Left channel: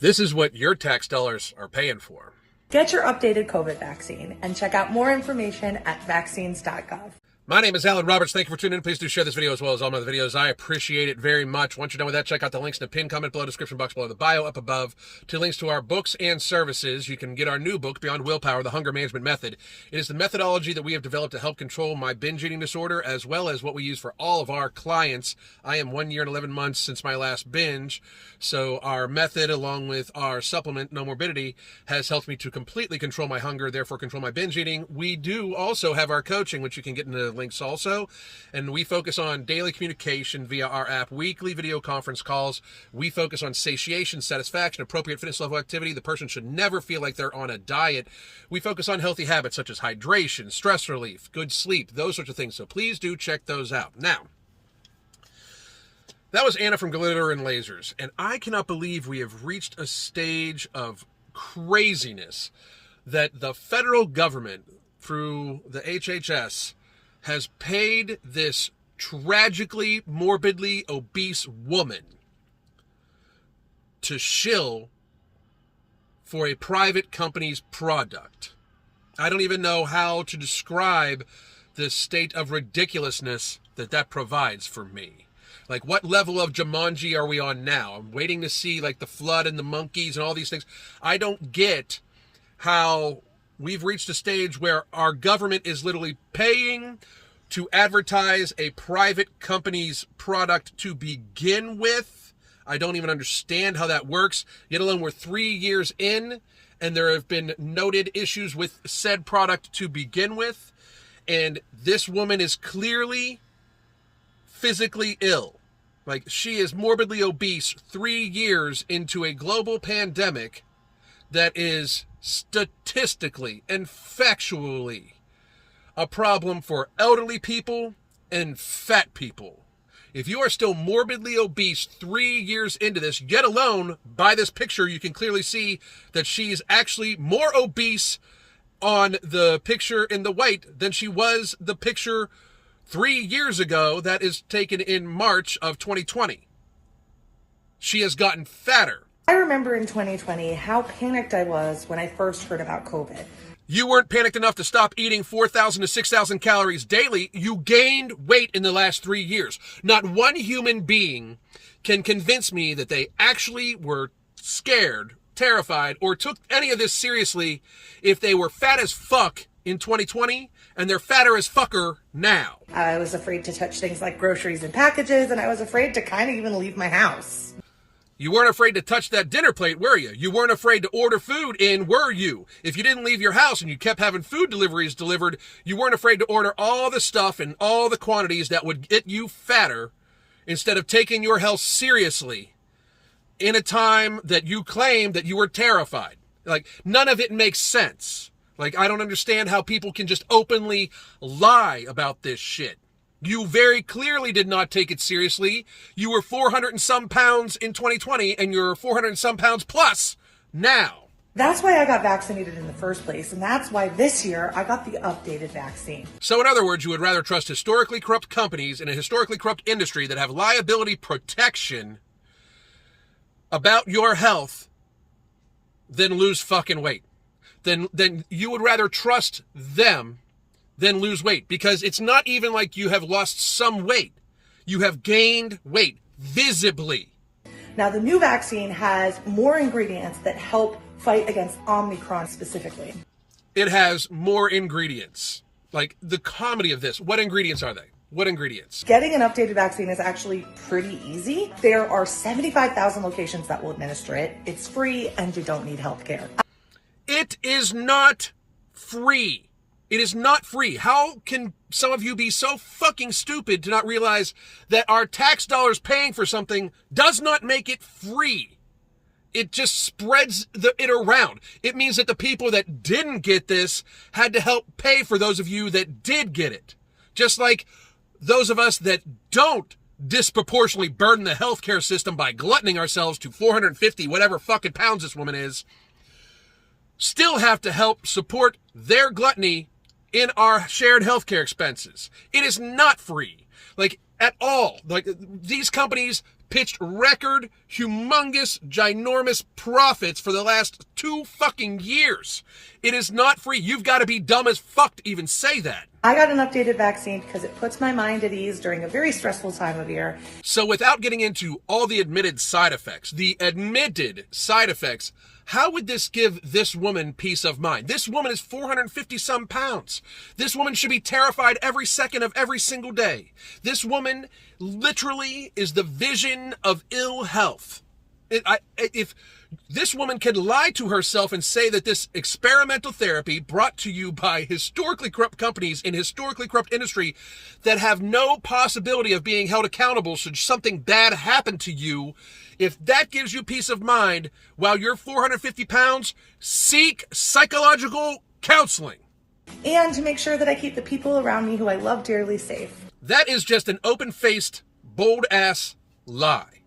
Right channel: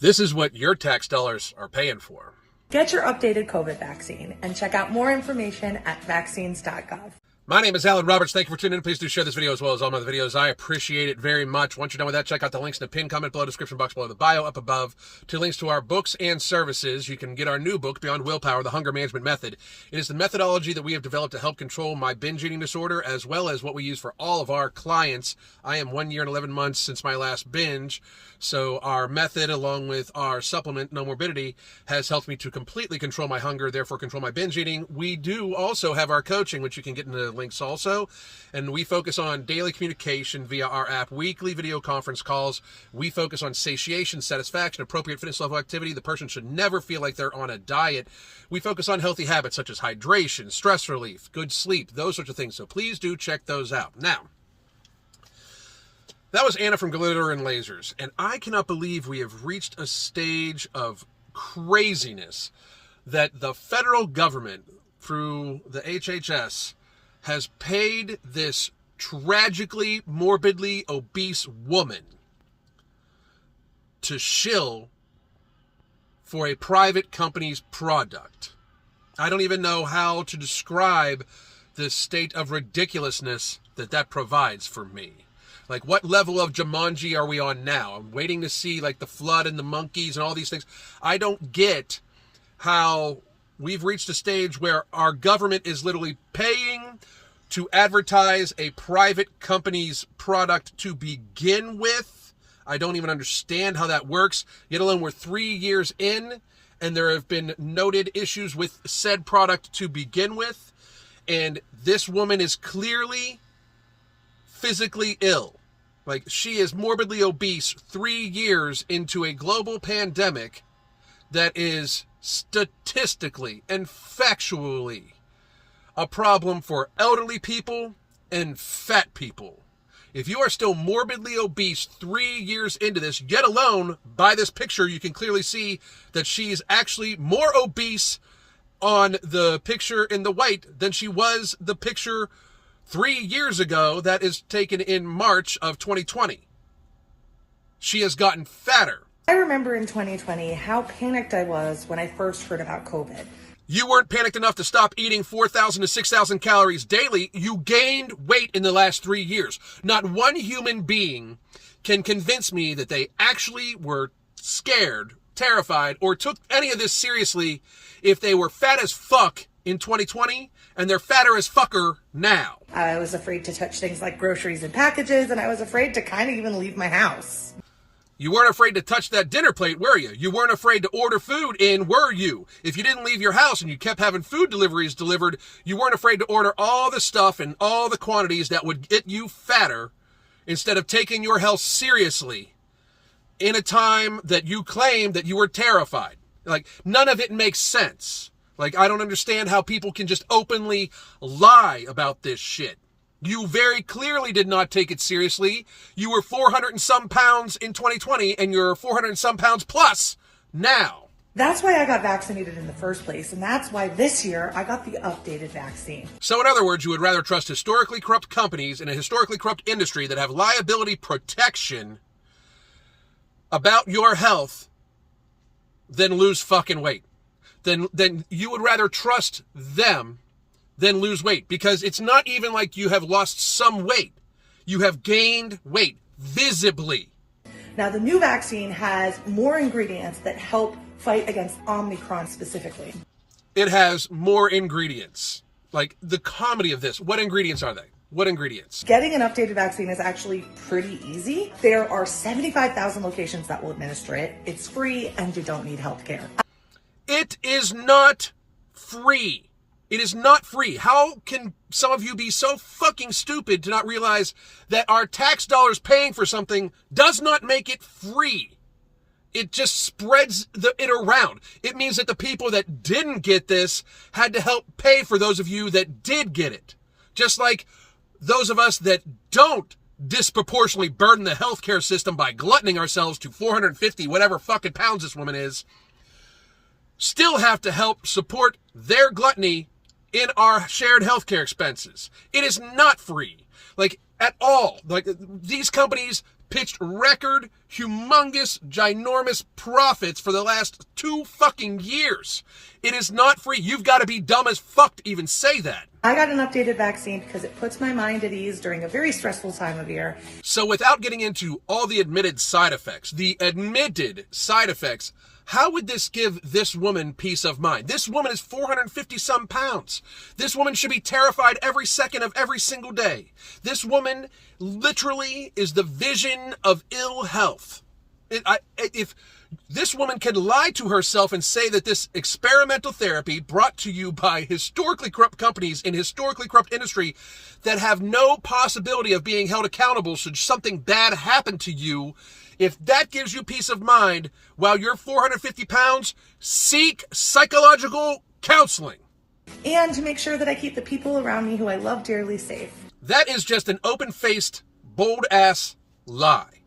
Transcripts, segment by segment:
This is what your tax dollars are paying for. Get your updated COVID vaccine and check out more information at vaccines.gov. My name is Alan Roberts. Thank you for tuning in. Please do share this video as well as all my other videos. I appreciate it very much. Once you're done with that, check out the links in the pinned comment below, description box below, the bio up above, to links to our books and services. You can get our new book, Beyond Willpower, The Hunger Management Method. It is the methodology that we have developed to help control my binge eating disorder, as well as what we use for all of our clients. I am 1 year and 11 months since my last binge, so our method, along with our supplement, No Morbidity, has helped me to completely control my hunger, therefore control my binge eating. We do also have our coaching, which you can get in the links also, and we focus on daily communication via our app, weekly video conference calls. We focus on satiation, satisfaction, appropriate fitness level activity. The person should never feel like they're on a diet. We focus on healthy habits such as hydration, stress relief, good sleep, those sorts of things, so please do check those out. Now, that was Anna from Glitter and Lasers, and I cannot believe we have reached a stage of craziness that the federal government, through the HHS, has paid this tragically, morbidly obese woman to shill for a private company's product. I don't even know how to describe the state of ridiculousness that provides for me. Like, what level of Jumanji are we on now? I'm waiting to see, like, the flood and the monkeys and all these things. I don't get how we've reached a stage where our government is literally paying to advertise a private company's product to begin with. I don't even understand how that works, yet alone we're 3 years in, and there have been noted issues with said product to begin with, and this woman is clearly physically ill. Like, she is morbidly obese 3 years into a global pandemic that is statistically and factually a problem for elderly people and fat people. If you are still morbidly obese 3 years into this, yet alone by this picture, you can clearly see that she's actually more obese on the picture in the white than she was the picture 3 years ago that is taken in March of 2020. She has gotten fatter. I remember in 2020 how panicked I was when I first heard about COVID. You weren't panicked enough to stop eating 4,000 to 6,000 calories daily. You gained weight in the last 3 years. Not one human being can convince me that they actually were scared, terrified, or took any of this seriously if they were fat as fuck in 2020 and they're fatter as fucker now. I was afraid to touch things like groceries and packages, and I was afraid to kind of even leave my house. You weren't afraid to touch that dinner plate, were you? You weren't afraid to order food in, were you? If you didn't leave your house and you kept having food deliveries delivered, you weren't afraid to order all the stuff and all the quantities that would get you fatter instead of taking your health seriously in a time that you claimed that you were terrified. Like, none of it makes sense. Like, I don't understand how people can just openly lie about this shit. You very clearly did not take it seriously. You were 400 and some pounds in 2020, and you're 400 and some pounds plus now. That's why I got vaccinated in the first place, and that's why this year I got the updated vaccine. So in other words, you would rather trust historically corrupt companies in a historically corrupt industry that have liability protection about your health than lose fucking weight. Then you would rather trust them than lose weight, because it's not even like you have lost some weight. You have gained weight visibly. Now, the new vaccine has more ingredients that help fight against Omicron specifically. It has more ingredients. Like, the comedy of this. What ingredients are they? What ingredients? Getting an updated vaccine is actually pretty easy. There are 75,000 locations that will administer it. It's free, and you don't need health care. It is not free. It is not free. How can some of you be so fucking stupid to not realize that our tax dollars paying for something does not make it free? It just spreads it around. It means that the people that didn't get this had to help pay for those of you that did get it. Just like those of us that don't disproportionately burden the healthcare system by gluttoning ourselves to 450 whatever fucking pounds this woman is, still have to help support their gluttony in our shared healthcare expenses. It is not free, like, at all. Like, these companies pitched record, humongous, ginormous profits for the last 2 fucking years. It is not free. You've got to be dumb as fuck to even say that. I got an updated vaccine because it puts my mind at ease during a very stressful time of year. So without getting into all the admitted side effects, how would this give this woman peace of mind? This woman is 450 some pounds. This woman should be terrified every second of every single day. This woman literally is the vision of ill health. If this woman can lie to herself and say that this experimental therapy brought to you by historically corrupt companies in historically corrupt industry that have no possibility of being held accountable should something bad happen to you, if that gives you peace of mind while you're 450 pounds, seek psychological counseling. And to make sure that I keep the people around me who I love dearly safe. That is just an open-faced, bold-ass lie.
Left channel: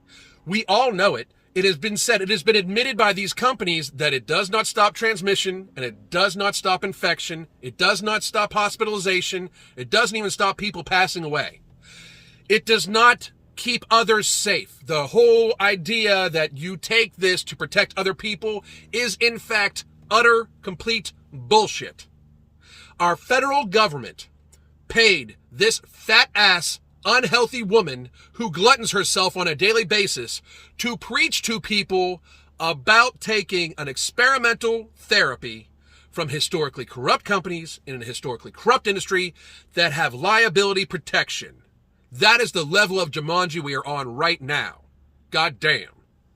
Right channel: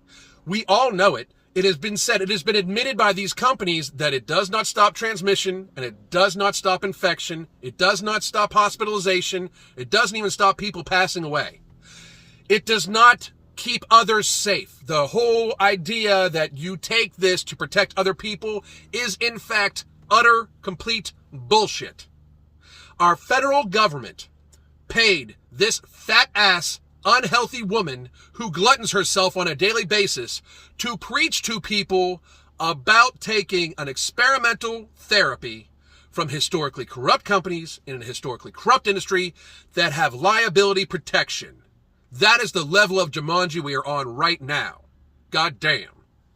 We all know it. It has been said, it has been admitted by these companies that it does not stop transmission and it does not stop infection. It does not stop hospitalization. It doesn't even stop people passing away. It does not keep others safe. The whole idea that you take this to protect other people is in fact utter, complete bullshit. Our federal government paid this fat ass unhealthy woman who gluttons herself on a daily basis to preach to people about taking an experimental therapy from historically corrupt companies in a historically corrupt industry that have liability protection. That is the level of Jumanji we are on right now. God damn.